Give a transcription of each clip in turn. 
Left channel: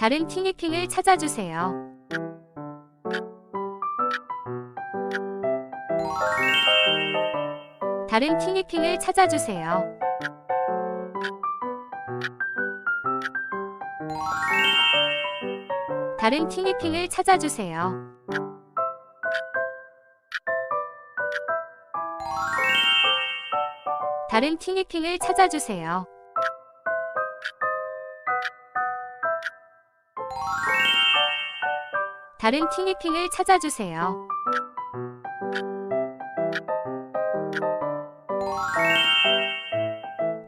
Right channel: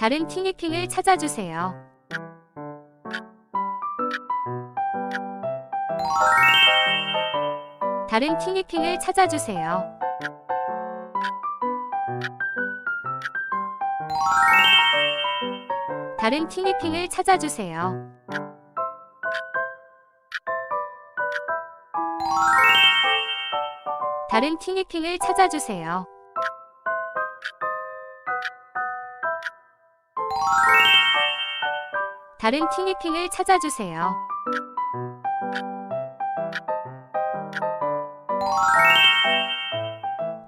다른 티니핑을 찾아주세요. 다른 티니핑을 찾아주세요. 다른 티니핑을 찾아주세요. 다른 티니핑을 찾아주세요. 다른 티니핑을 찾아주세요.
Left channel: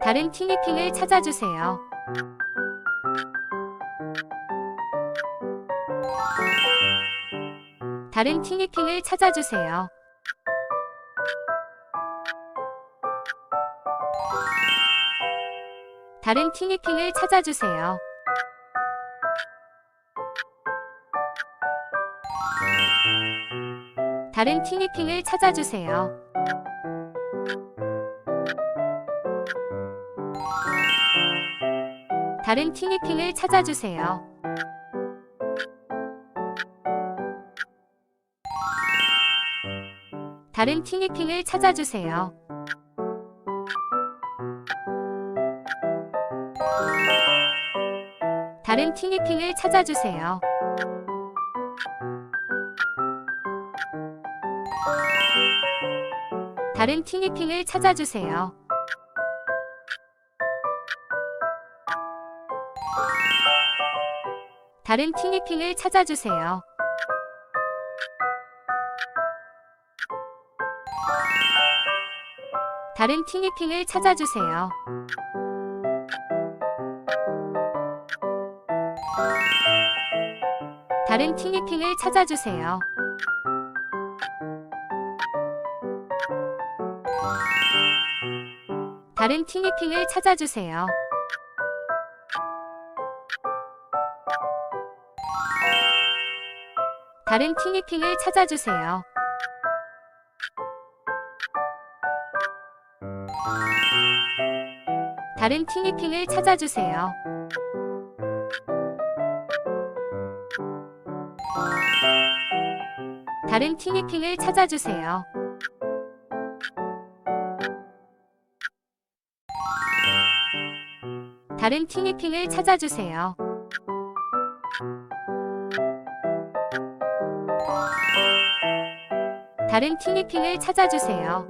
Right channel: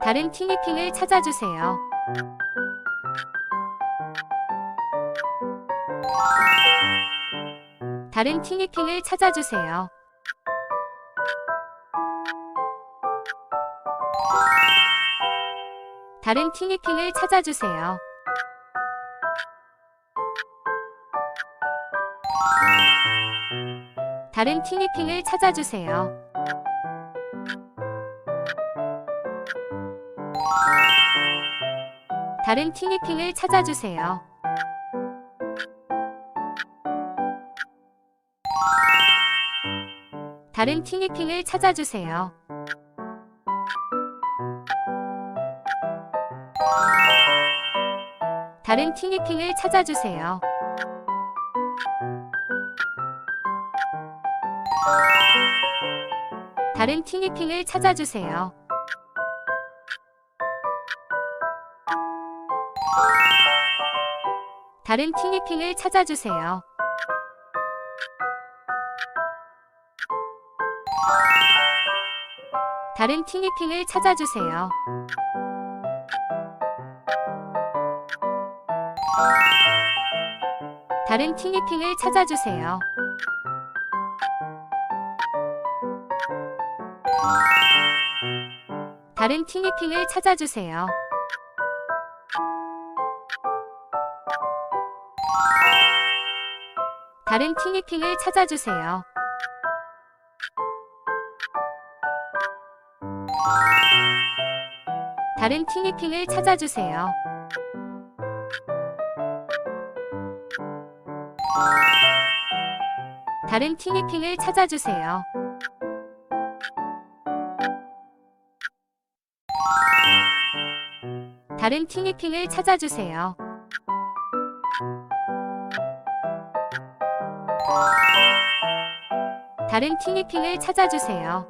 다른 티니핑을 찾아주세요. 다른 티니핑을 찾아주세요. 다른 티니핑을 찾아주세요. 다른 티니핑을 찾아주세요. 다른 티니핑을 찾아주세요. 다른 티니핑을 찾아주세요. 다른 티니핑을 찾아주세요. 다른 티니핑을 찾아주세요. 다른 티니핑을 찾아주세요. 다른 티니핑을 찾아주세요. 다른 티니핑을 찾아주세요. 다른 티니핑을 찾아주세요. 다른 티니핑을 찾아주세요. 다른 티니핑을 찾아주세요. 다른 티니핑을 찾아주세요. 다른 티니핑을 찾아주세요. 다른 티니핑을 찾아주세요.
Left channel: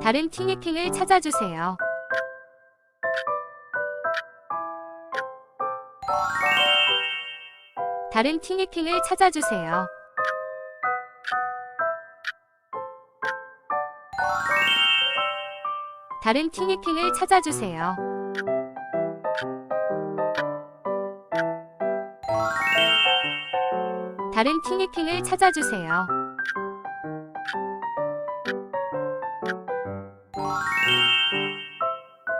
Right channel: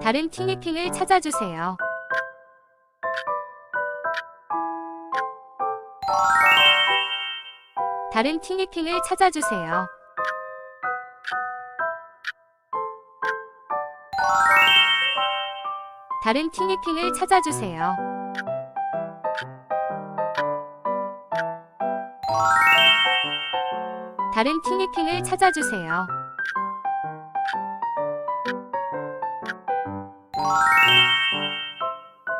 다른 티니핑을 찾아주세요. 다른 티니핑을 찾아주세요. 다른 티니핑을 찾아주세요. 다른 티니핑을 찾아주세요.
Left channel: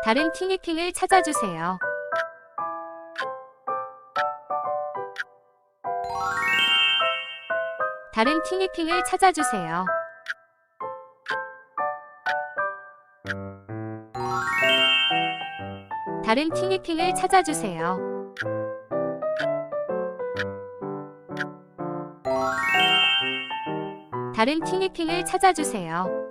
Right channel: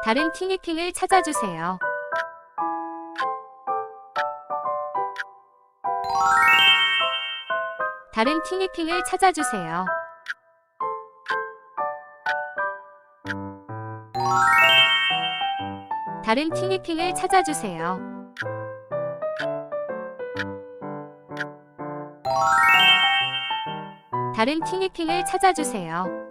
다른 티니핑을 찾아주세요. 다른 티니핑을 찾아주세요. 다른 티니핑을 찾아주세요. 다른 티니핑을 찾아주세요.